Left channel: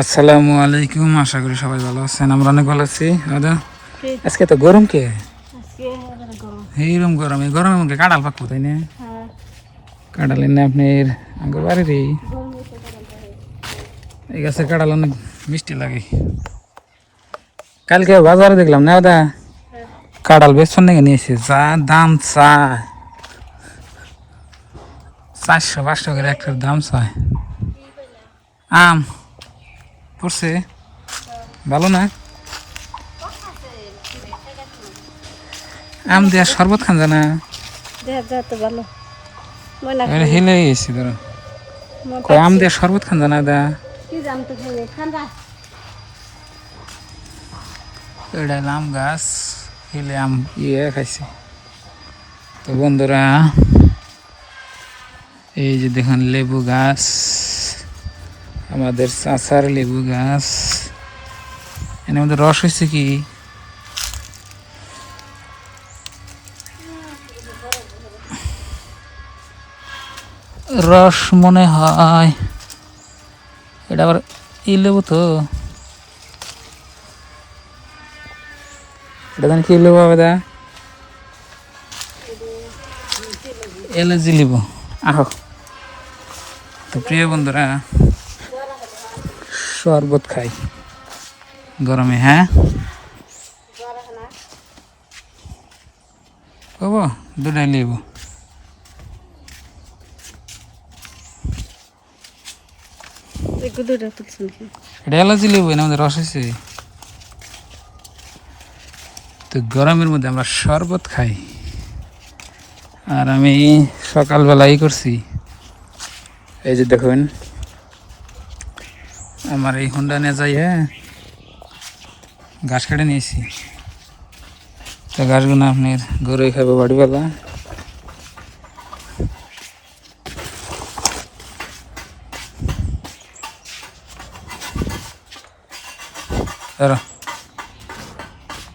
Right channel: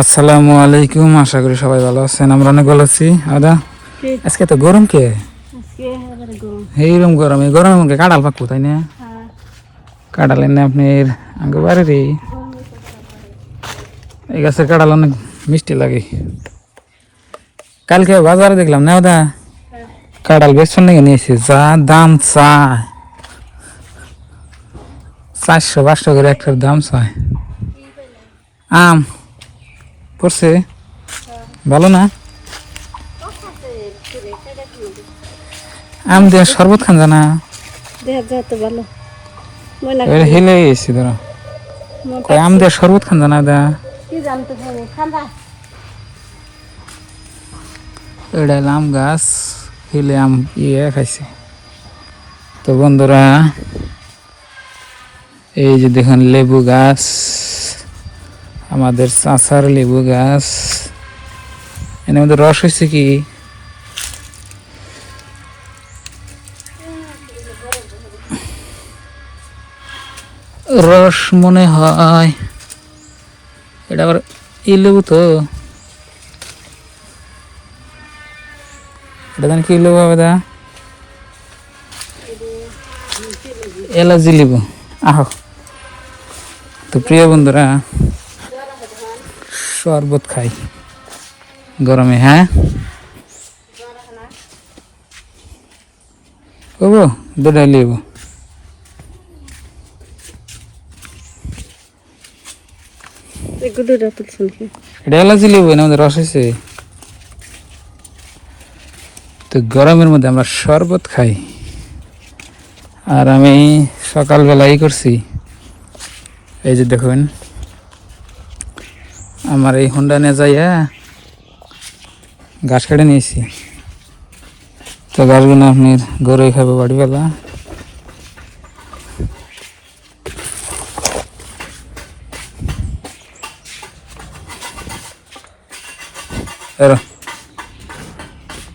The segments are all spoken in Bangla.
আসসালামু আলাইকুম, আশা করি সবাই ভালো আছেন। আমরা অনেক ভালো আছি। আদা আজকে তো গরম কে এইরকম গরম, এই গরমের মধ্যে কাঁঠাল পাকবো তাই না? কাঁঠাল এনে আপনি আগে বাড়ির এই গাছের কাঁঠাল অনেক মিষ্টি লাগে। কালকে বাজারে দেখলাম না দাদা, কাঁঠাল বেসন নিয়ে নিয়েছি, যা দাম চায় 400-500 করে একটার দাম চায়। আম পড়ছে ভালো না? আম দিয়ে শরবত খান জানা হেলে গেছি ধরো, আম দিয়ে শরবত খান জানা দা। এটা আম গাছ, হেলে আম খাইছে। তো বন্ধুরা, এই যে দেখুন লেবু গাছ, আমাদের চাচার লেবু গাছ। এর মধ্যে রস হয়েছে কি রস মনে হয়, এটা আবার এই লেবু তো, কি লেবু দাদা? এলাচি লেবু। তো প্রিয় বন্ধুরা, শরবত খাই গরমে। হ্যাঁ করবো, দুটাই লেবু। এটা এলাচি লেবু, এর মধ্যে রস হয়েছে। তো গরমের মধ্যে আমরা শরবত খাই। আর আমি সকালবেলাই করছি, এই যে দেখবেন আমার এই হোন্ডা নিয়ে যাই, হ্যাঁ গাছ কেটে নিয়েছি। তো গাছগুলো আপনার গরুই খাবে বাড়ি গেলা।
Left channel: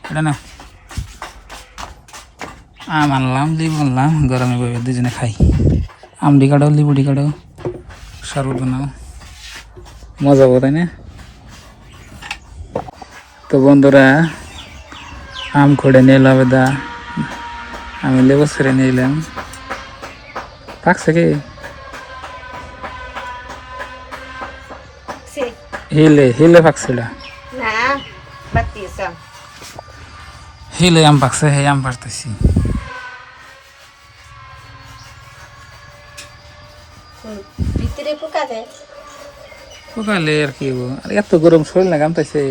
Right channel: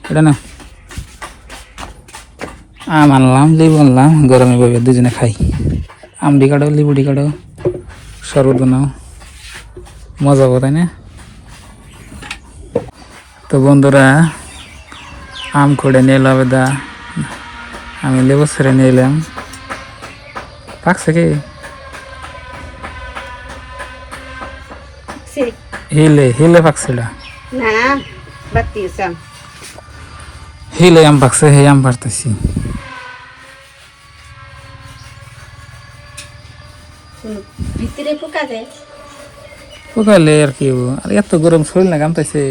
এটা না আম আনলাম, লেবু আনলাম, গরমে ভাবে দুজনে খাই। আমডি কাটাও, লেবুডি কাটাও, শরবত বানাও, মজা হবে তাই না? তো বন্ধুরা, আম খোড়ে নিয়ে এলাম দা, আমি লেবু ছেড়ে নিয়ে এলাম। পাকছে কি হিলে হিলে পাকছিল না, হিলে আম পাকছে, হে আম পারতেছি। ভিতরে পোকা যায়, পোকালে আর কি হবো, আর এত গরম শরীর না গামতাছে।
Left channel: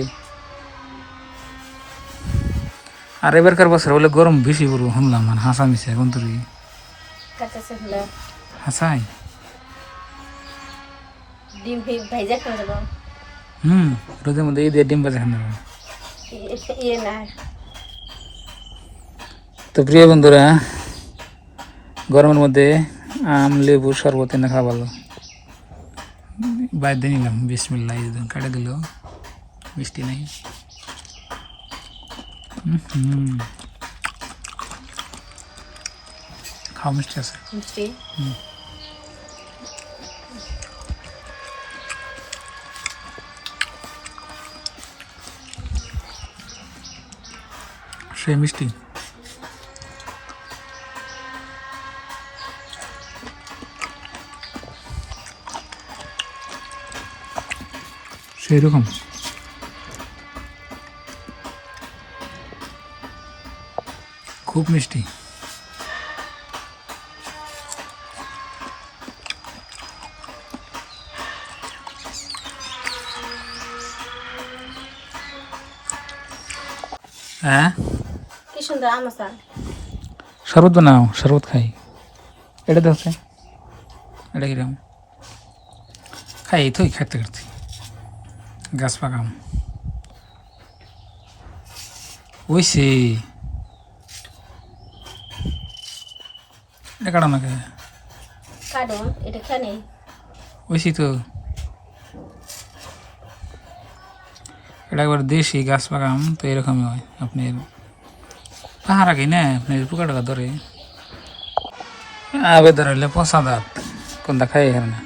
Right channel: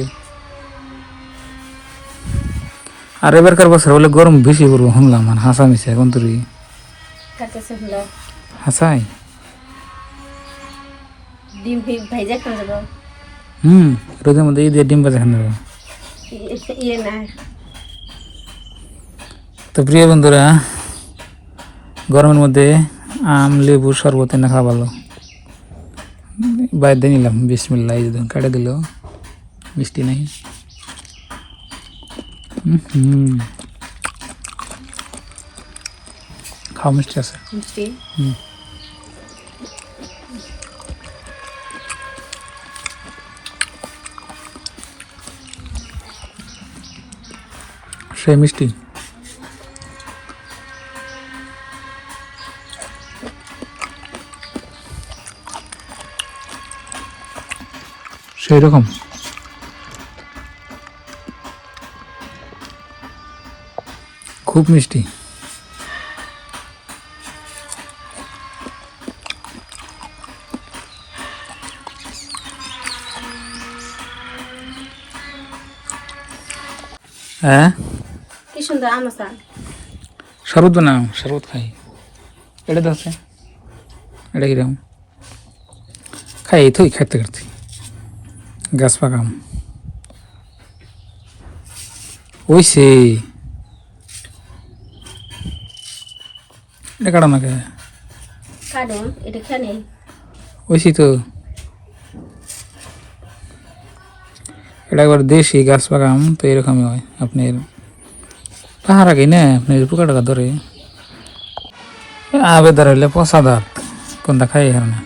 আর এবারকার বছর বলে গরম বেশি পড়বো শুনলাম, মানে হাসা মিশে এখন তোর হাসাই ডিম ভাইজা খাওয়া যাবো। রোদের মধ্যে এই দিয়ে ডিম বাজা খান যাবো। ইয়ে না, তো প্রিয় বন্ধুরা, গরমের মধ্যে আম লেবু শরবত এনে খাওয়া ভালো। বাইরে নিলাম, বিসমিল্লাহ, এই কাটে দিল, মিষ্টি নাই। খাওয়া মিষ্টি আছে। মিষ্টি সে মিষ্টি। সেই রকম খুব মিষ্টি। হ্যাঁ কি সুন্দর আম আছে। শরবত বানাও, শরবত খাই। এটা দেখছে, এটা কিরকম খাই, এই তো খাইতে খাইতে গাছ পাকাম ওইসে। এটা কাটা না খায়, কাটো এটা খেয়ে নেই। ওইসি তো, এটা একবার দেশি গাছ পাকাম, তো এরকমই হয় আপনার পাহাড় আগে না, আপনার পোকা টাকা ধরে আবে ধরাইলে পচা দাঁত কোনটা খাই হার না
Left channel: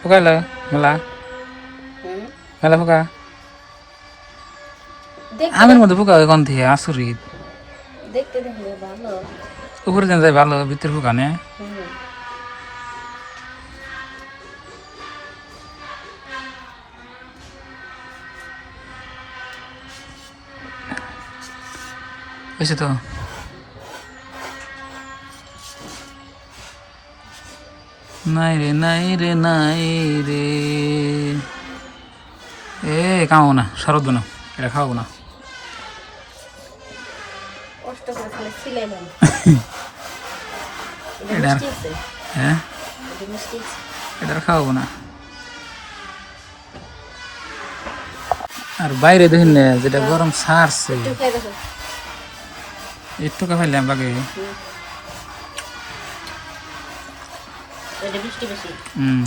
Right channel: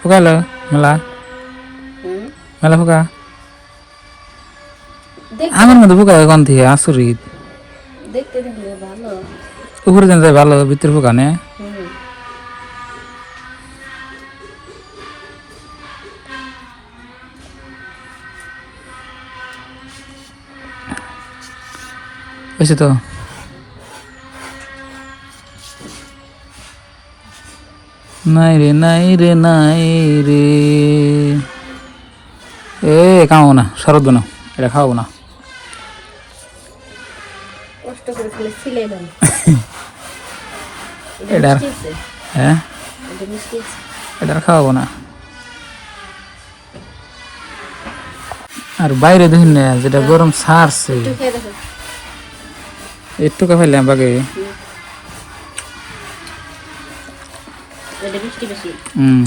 পোকাইল মেলা। মেলা পোকা দেখ- আমের মধ্যে পোকা হয় কোন থেকে আসরিত দেখতে দেখলে ভালো। উপরে যেন যায় ভালো ভিতরে পোকা নে হুম। হয়েছে তো নাই রে নাই রে নাই রে এ খাওয়াবো না শরৎ না এটা খাওয়াবো না কষ্ট করে খালি ছিলাম। এটা হ্যাঁ এটা মিষ্টি আছে। এটা আর খাওয়াবো না আর বাইরে দেখুন না যেটা গরম ছাড়ছে তুই খেয়ে দেখি। একটু খাইলাম বাগে এটা মিষ্টি বেশি। হুম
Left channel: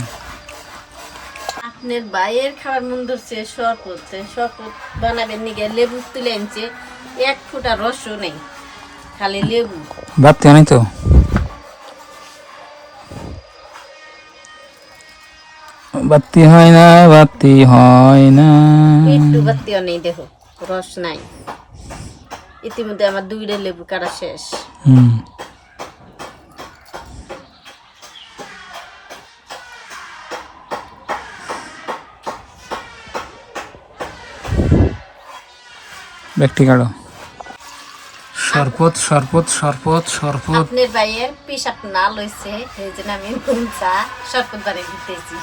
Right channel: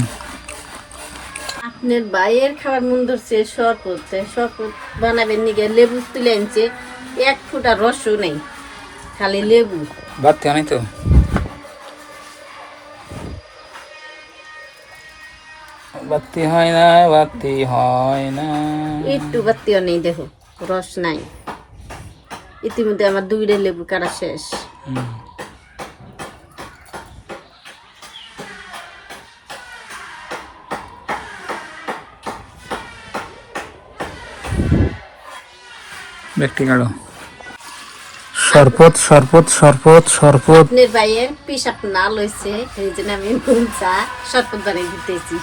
আপনার ভাইয়ের খাবার মন ধরছে শরবত শরবত বানাবেন নিগে লেবু তুলে আনছে, এক ফুটা রসও নেই, খালি লেবু। বাড়তি নেই তো বাতি হয় না বাতি হয় না একটু বাতিও নেই, দেখো রস নাই। ইতিমধ্যে আমার 2টা লেবু কাটা শেষ। হুম ব্যক্তি কাড়ো শরবত শরবত শরবত শরবত আপনার ভাইয়ের পিসাব না লইছে, এই জন্য আমি নুন চা শরবত বানিয়ে দিতেছি।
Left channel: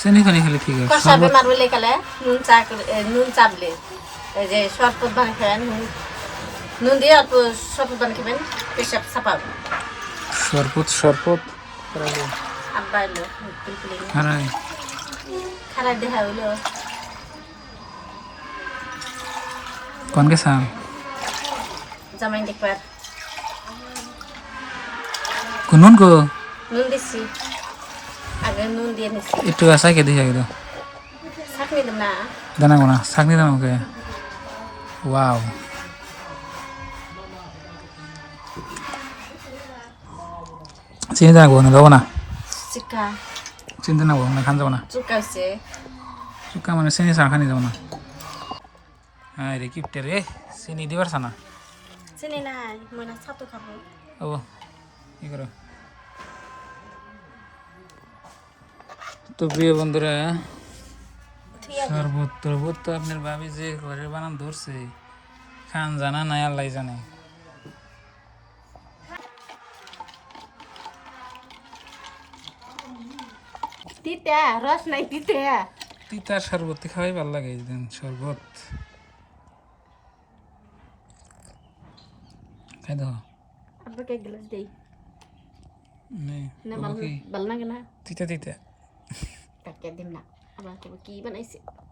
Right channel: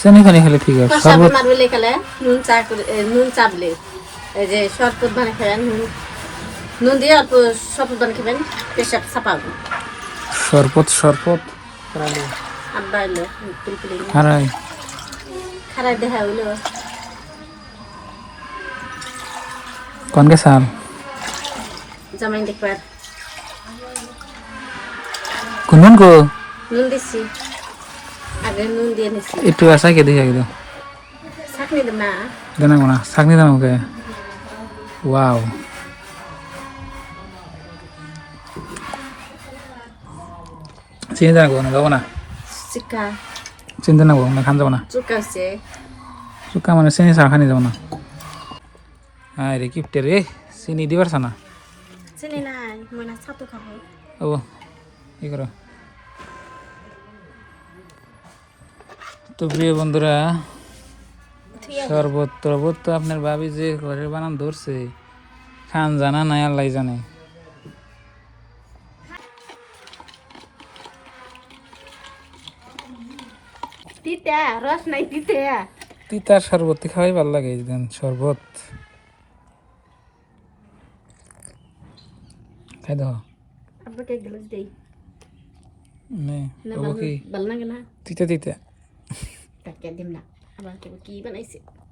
চিনি খানি খেলে ঠিক আছে কষাবে শরবত মারবলে খেলে নুন চা করে নুন চা বলে এই যে শরবত বানিয়ে খাবেন, নুন দিয়ে অল্প শরবত বানিয়ে খাবেন, পেশাব ছাপাবে। শরবত শরবত আব্বা এলো পিলপিলি হারাই খারাপ দেখা হইলো। কোন কে সাল জামাই দেখবার কোন কো নুন দিচ্ছি, আগে নুন দিয়ে নিচ্ছি। একটু আসা কে দেখে গেল ছাকনি দেব না। জানা কোনা শাকনি দাম ওকে ওয়াও চিনি জানাবো না যাবো না চিকা চিন্তা নাবো না খান যাবো না চুকা হচ্ছে। চুকা মানে চিনি চা খানি যাবো না হ্যাঁ রে কিপটে রে চিনি দিবার না চিনি নাই, মনে ছাতু খাবো। ও কি করো তো প্রিয় বন্ধুরা ঠিক আছে। শরবত টরবত তো আপনার ভাবি যে ঘরের বানান ধরছে খান জানা নাই আল্লাহ জানে তিতা রস নাই, তিতা তিতার শরবত খাওয়াই ভালো লাগে এই দিন শরবত খাই দাও আপনাকে এক গ্লাস দেই নে না। বাবু কি ভালো লাগে না, তিতা তিতা তাকে দিম না। আবার কি বানাইছে।